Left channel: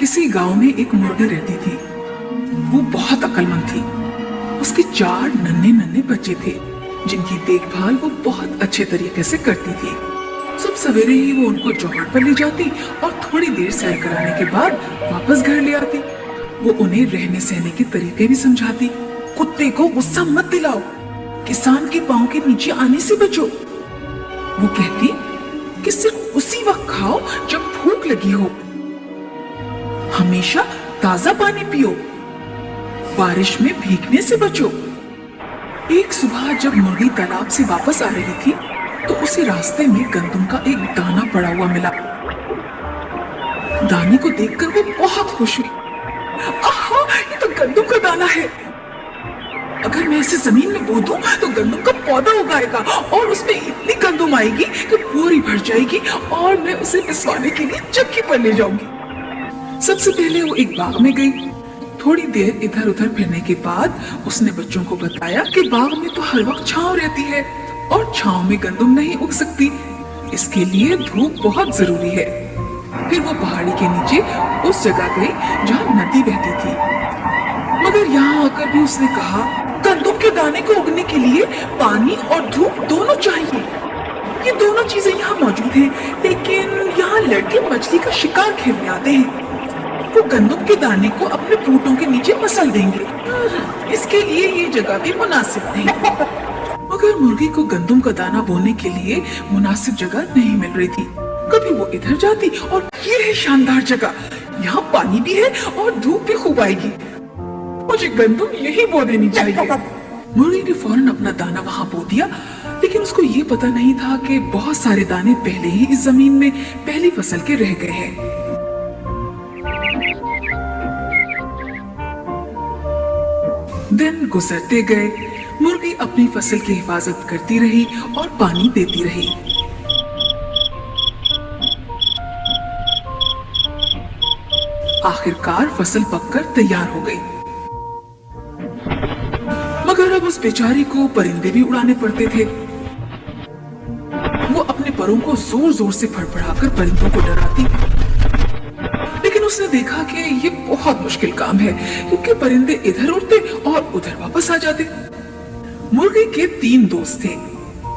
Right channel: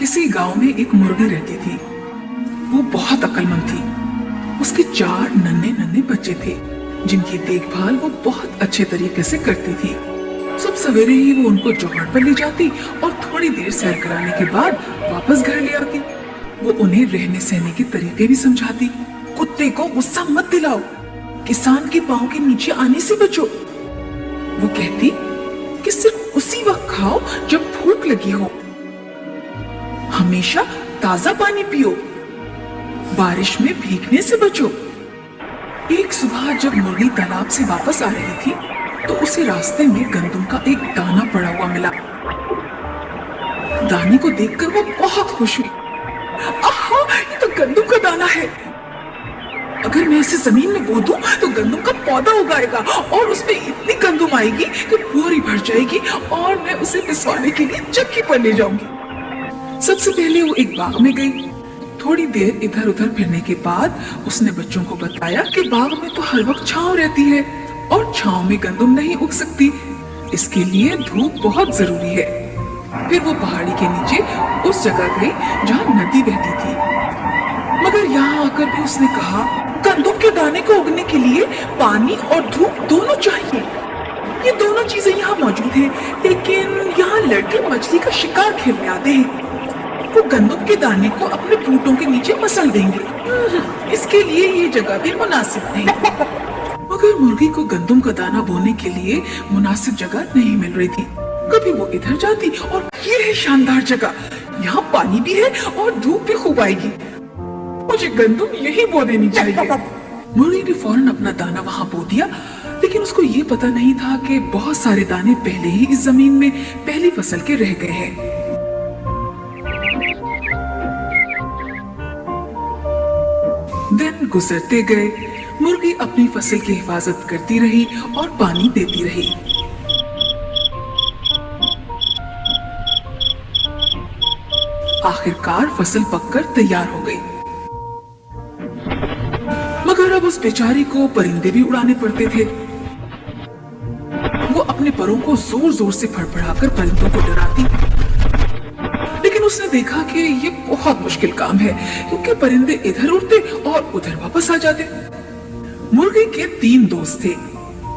किसी गांव में एक मुर्गी रहती थी। वो बहुत अक्लमंद थी। उसके 4 नन्हे नन्हे बच्चे थे जिनकी देखभाल वो बहुत अच्छे तरीके से करती थी। सब सवेरे ही वो उनको चौहट पर ले जाती और थोड़ी देर सैर कराने के बाद वापस घर ले आती। वो उन्हें रहने सहने के तरीके भी समझाती। कुत्ते को गुस्सा मत दिलाओ, किसान के पांव के नीचे आने से बचो। वो कहती कि सिर्फ उसी वक्त खाओ जब भूख लगी हो। हमेशा ताजा पानी पियो, बारिश में भीगने से बचो। एक सुबह जब मुर्गी तालाब से वापस आ रही थी तो उसे रास्ते में गंदम का एक दाना पड़ा हुआ मिला। दाने को देखकर वो बहुत खुश हुई। आहा, ये तो गंदम का दाना है। अगर मैं इसे जमीन में बो दूं तो गंदम का पौधा उगाएगा और उसमें इतनी गंदम आएगी कि बोरी भर जाएगी और मैं उसे पिसवाने के लिए चक्की पर ले जाऊंगी। सबसे पहले वो एक बाग में गई। थोड़ी देर इधर उधर फिरने के बाद उसने बच्चों को बताया कि बाग में तो हर वक्त छांव रहती है और छांव में गंदम नहीं उग सकती, इसके लिए धूप बहुत जरूरी है। फिर वो पहाड़ी के नीचे उस जगह गई जहाँ नदी बहती थी। मगर यहाँ आकर भी उसने कहा, गंदम के दाने को उगने के लिए पानी और धूप दोनों चाहिए। ये दोनों चीजें यहाँ मौजूद हैं, लेकिन यहाँ लड़के मछली का शिकार खेलने आते हैं। वो गंदम के दाने को अपने पूटों के नीचे मसल देंगे। इसके लिए ये जगह भी मुनासिब नहीं। मगर मुर्गी को गंदम का दाना बोने के लिए मुनासिब जगह नहीं मिल रही थी। कभी वो इधर जाती और ये है शानदार जगह, यहाँ पानी भी है और धूप भी खूब आएगी, मुझे गंदम यही बो देनी चाहिए। मुर्गी ने फौरन अपना दाना वहाँ बो दिया, लेकिन उसको ये पता नहीं था कि बहुत सारे दाने पहले ही इस जमीन में पहली फसल के रह गए हैं। दिन गुजरते गए। मुर्गी अपनी फसल की हिफाजत करती रही और पानी देती रही। आखिरकार फसल पककर तैयार हो गई। मगर अब उस बेचारी को परिंदे भी उड़ाने पड़ते थे। वो अपने परों को जोर जोर से फड़फड़ाकर परिंदों को डराती, लेकिन उसने देखा कि ये बहुत मुश्किल काम है क्योंकि परिंदे इधर उड़ते और उधर वापस आ जाते। मुर्गी के 3 दोस्त थे,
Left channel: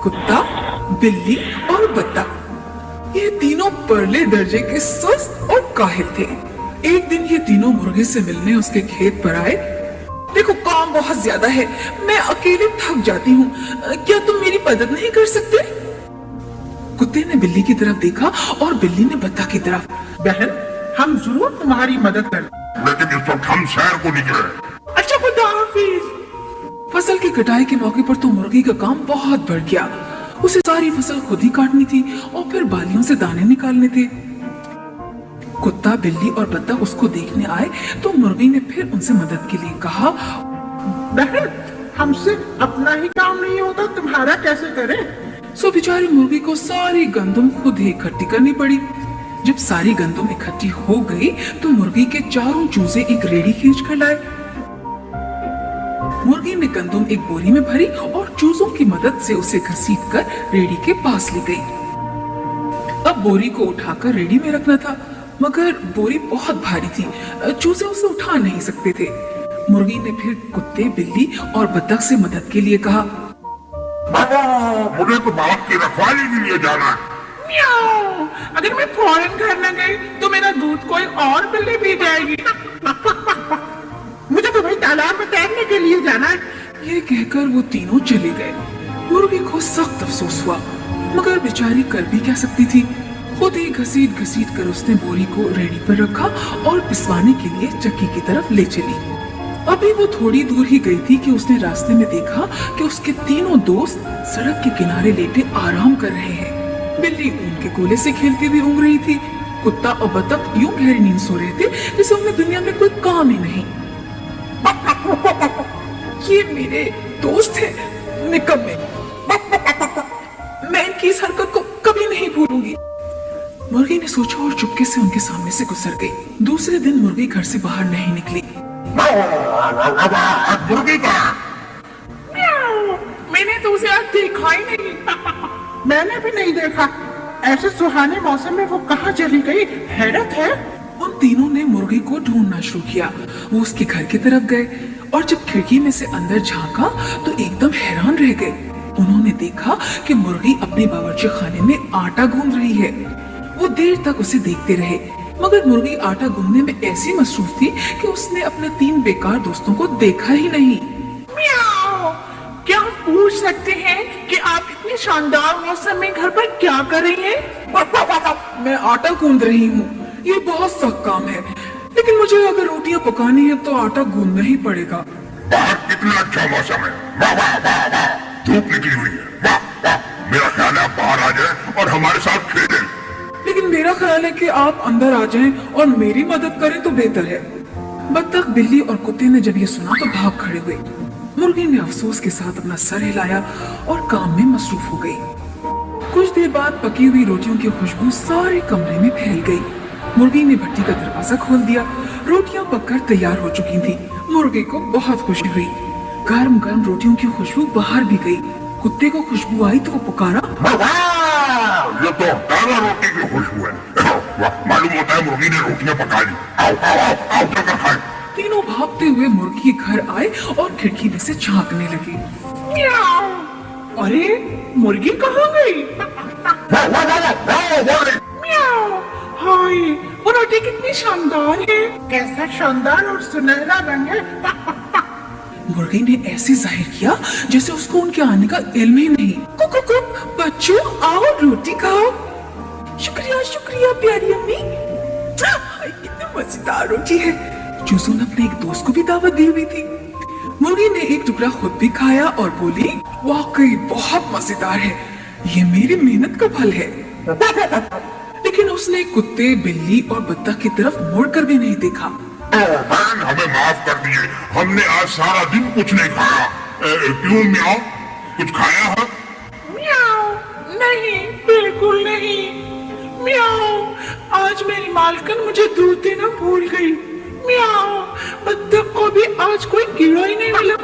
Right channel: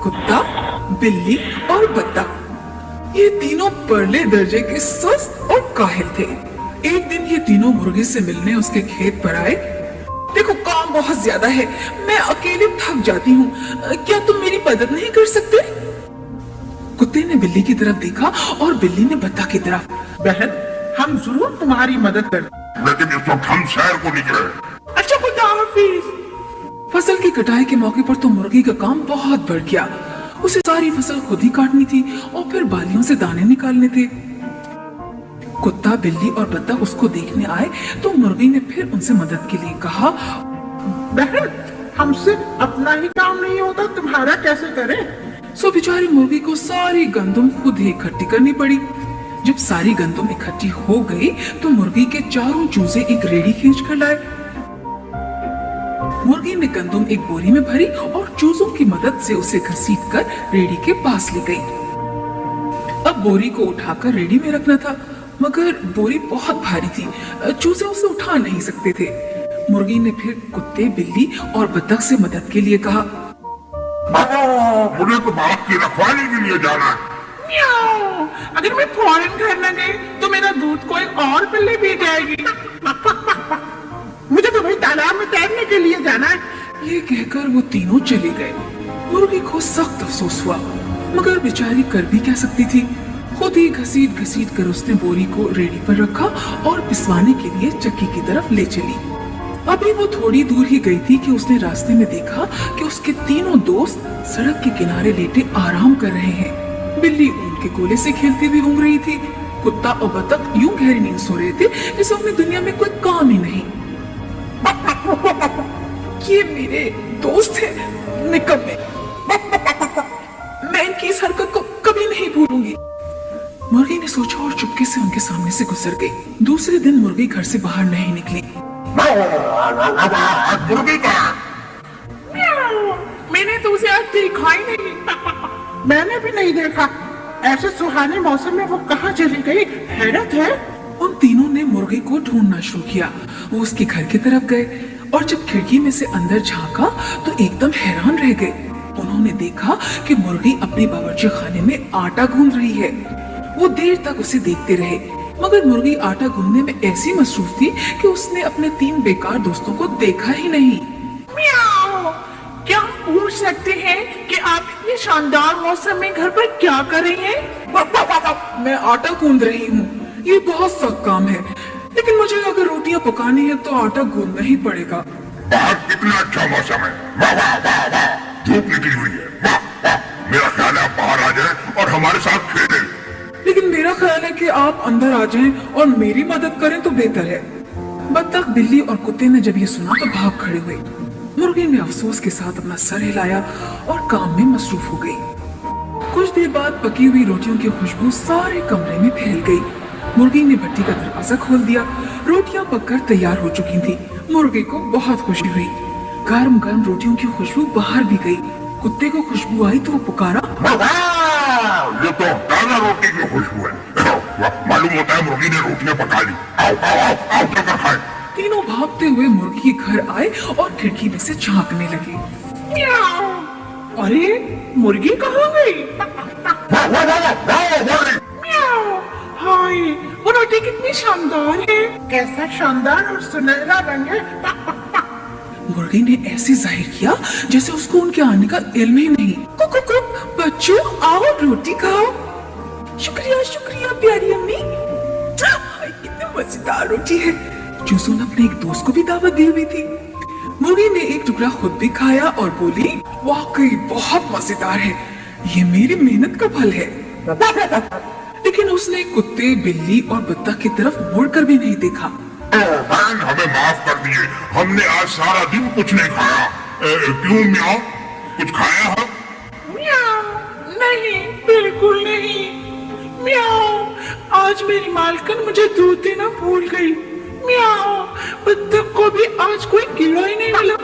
कुत्ता, बिल्ली और बत्तख। ये तीनों परले दर्जे के सुस्त और काहिल थे। एक दिन ये तीनों मुर्गी से मिलने उसके खेत पर आए। देखो, काम बहुत ज्यादा है, मैं अकेले थक जाती हूँ, क्या तुम मेरी मदद नहीं कर सकते? कुत्ते ने बिल्ली की तरफ देखा और बिल्ली ने बत्तख की तरफ। बहन, हम जरूर तुम्हारी मदद करें, लेकिन इस वक्त हम शहर को निकले। अच्छा, खुदा हाफिज। फसल की कटाई के मौके पर तो मुर्गी का काम बहुत बढ़ गया। उसे सारी फसल खुद ही काटनी थी और फिर बालियों से दाने निकालने थे। कुत्ता, बिल्ली और बत्तख उसको देखने आए तो मुर्गी ने फिर उनसे मदद के लिए कहा, बहन, हमसे अपना ही काम नहीं होता, तुम्हारा कैसे करें? सो बेचारी मुर्गी को सारी गंदम खुद ही इकट्ठी करनी पड़ी। जब सारी गंदम इकट्ठी हो गई तो मुर्गी के चारों चूजे एक रेडी खींच कर लाए। मुर्गी ने गंदम एक बोरी में भरी और चूजों की मदद से उसे घसीट कर रेडी के पास ले गई। अब बोरी को उठाकर रेडी में रखना था, मगर बोरी बहुत भारी थी, चूजे उसे उठा नहीं सकते थे। मुर्गी ने फिर कुत्ते, बिल्ली और बत्तख से मदद के लिए कहा, मुझे तो बाप की रखवाली के लिए जाना है। म्याऊं, अगर मैं फौरन घर न गई तो मेरा दूध कोई और बिल्ली पी जाएगी। मुझे तो भाई तालाब में तैरने के लिए जाना है। ये कहकर वो तीनों चले गए। मुर्गी को सख्त अफसोस हुआ, मगर बेचारी कर भी क्या सकती थी। खुद ही घसीट घसीट कर उसने बोरी को रेडी पर रखा और पिसवाने के लिए चक्की की तरफ ले चली। अभी वो थोड़ी दूर ही गई थी कि उसने रास्ते में देखा कि उसके तीनों दोस्त सड़क के किनारे लेटे आराम कर रहे हैं। बिल्ली उनके कोले से खेलती हुई ऊँग रही थी। कुत्ता और बत्तख यूं गहरी नींद सो रहे थे जैसे उन्हें दुनिया में कोई काम ही नहीं। ये मेरे दोस्त हैं, निकम्मे। मैं इनकी इस हरकत को कभी नहीं भूलूंगी। मुर्गी ने सोचा और चुपके से उनके सामने से गुजर गई। दूसरे दिन मुर्गी घर से बाहर नहीं निकली। मुर्गी का मैंने तो उसे आज देखा ही नहीं। मैंने भी नहीं देखा। ऐसे सुहाने मौसम में वो कहाँ चली गई, हैरत है। उन तीनों ने मुर्गा मुर्गी को ढूंढना शुरू किया। वो उसके घर की तरफ गए और जब खिड़की में से अंदर झांका तो एकदम हैरान रह गए। उन्होंने देखा कि मुर्गी अपने बावर्ची खाने में आटा गूंद रही है। वो देर तक उसे देखते रहे, मगर मुर्गी आटा गूंदने में ऐसी मसरूफ थी कि उसने अपने 3 बेकार दोस्तों को देखा ही नहीं। म्याऊ, क्या हम पूछ सकते हैं कि आप इतने शानदार मौसम में घर पर क्या कर रही हैं? मैं आटा गूंद रही हूँ। ये बहुत सख्त काम है, लेकिन मुझे अगर रोटियां पकानी है तो आटा गूंदना ही पड़ेगा। बाहर कितना अच्छा मौसम है। वाह वाह वाह वाह, धूप निकली हुई है। वाह वाह, मेरा ख्याल है आप बाहर आ जाए और हमारे साथ खेलें। लेकिन मेरा ख्याल है कि आप अंदर आ जाएं और मेरी मदद करें तो बेहतर है। बत्तख, बिल्ली और कुत्ते ने जब ये सुना तो भाग खड़े हुए। मुर्गी ने अफसोस के साथ अपना सर हिलाया और काम में मसरूफ हो गई। कुछ देर बाद पकी हुई रोटियों की खुशबू सारे कमरे में फैल गई। मुर्गी ने भट्टी का दरवाजा खोल दिया। रोटियां पककर तैयार हो चुकी थी। मुर्गी को बहुत खुशी हुई। गर्म गर्म रोटियों की खुशबू बाहर भी गई। कुत्ते को खुशबू आई तो वो पुकारा, ये तो ताजा रोटी की खुशबू है। मालूम होता है मुर्गी ने रोटियां पका ली। आओ आओ आओ, आओ चलकर खाएं। तीनों भागते हुए मुर्गी के घर आए और खिड़की में से झांकने लगे। म्याऊ, अरे मुर्गी कहाँ गई? वाह वाह वाह वाह वाह वाह। म्याऊ, हाय, वो रोटी कितनी शानदार है। कैसा शानदार और सुनहरा रंग है। मुर्गी ने ऐसे जाहिर किया जैसे उसको उनके आने का इल्म ही नहीं। कुक कुक कुक, बच्चों आओ रोटी खाओ। शुक्रिया शुक्रिया प्यारी अम्मी। हाय, कितनी मजेदार रोटी है। चूसू ने अपने एक दोस्त को भी दावत दी हुई थी। मुर्गी ने एक टुकड़ा खुद भी खाया और बोली, वाकई बहुत मजेदार है, ये मेरी मेहनत का फल है। लेकिन उसने कुत्ते, बिल्ली और बत्तख की तरफ मुड़कर भी नहीं देखा। बहन, हमें माफ कर दिए, हमने आज सारा दिन कुछ नहीं खाया। क्यों म्याऊ, कुछ खाया है? म्याऊ, नहीं, बिल्कुल नहीं। म्याऊ, आज मेरी मालकिन मुझे दूध देना भूल गई। म्याऊ, बत्तख को भी आज कोई कीड़ा ही नहीं मिला।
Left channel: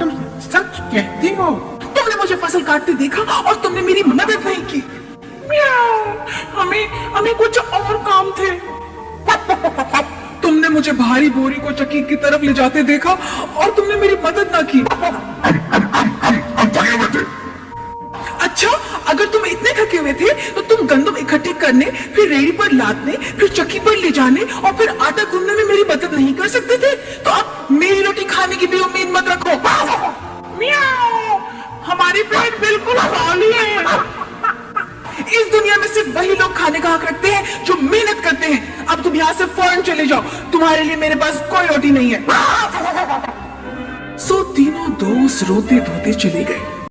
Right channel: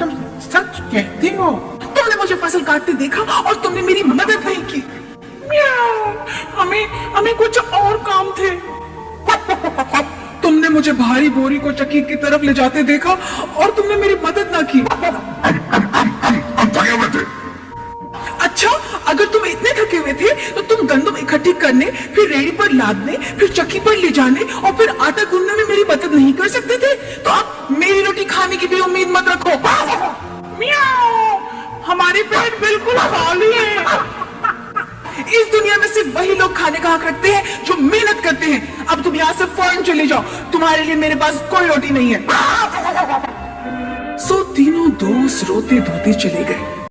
तुम सच कहती हो? तुमने मुझे फसल काटते देखा और तुमने मेरी मदद नहीं की। म्याऊ, हमें कुछ और काम थे। तुमने मुझे भारी बोरी को चक्की की तरफ ले जाते देखा और तुमने मेरी मदद ना की। हम थके हुए थे। अच्छा, अगर तुम इतने थके हुए थे तो तुम गंदम इकट्ठी करने, फिर रेडी पर लादने, फिर चक्की पर ले जाने और फिर आटा गूंदने में मेरी मदद नहीं कर सकते थे? तो आप मेरी रोटी खाने की भी उम्मीद मत रखो। म्याऊ, हमारे पेट बिल्कुल खाली है। इस दुनिया में सिर्फ वही लोग खाने का हक रखते हैं जो मेहनत करते हैं। अब तुम यहाँ से फौरन चले जाओ, तुम्हारे लिए मेरे पास कोई रोटी नहीं है। सो तीनों दोस्त रोते धोते चले गए।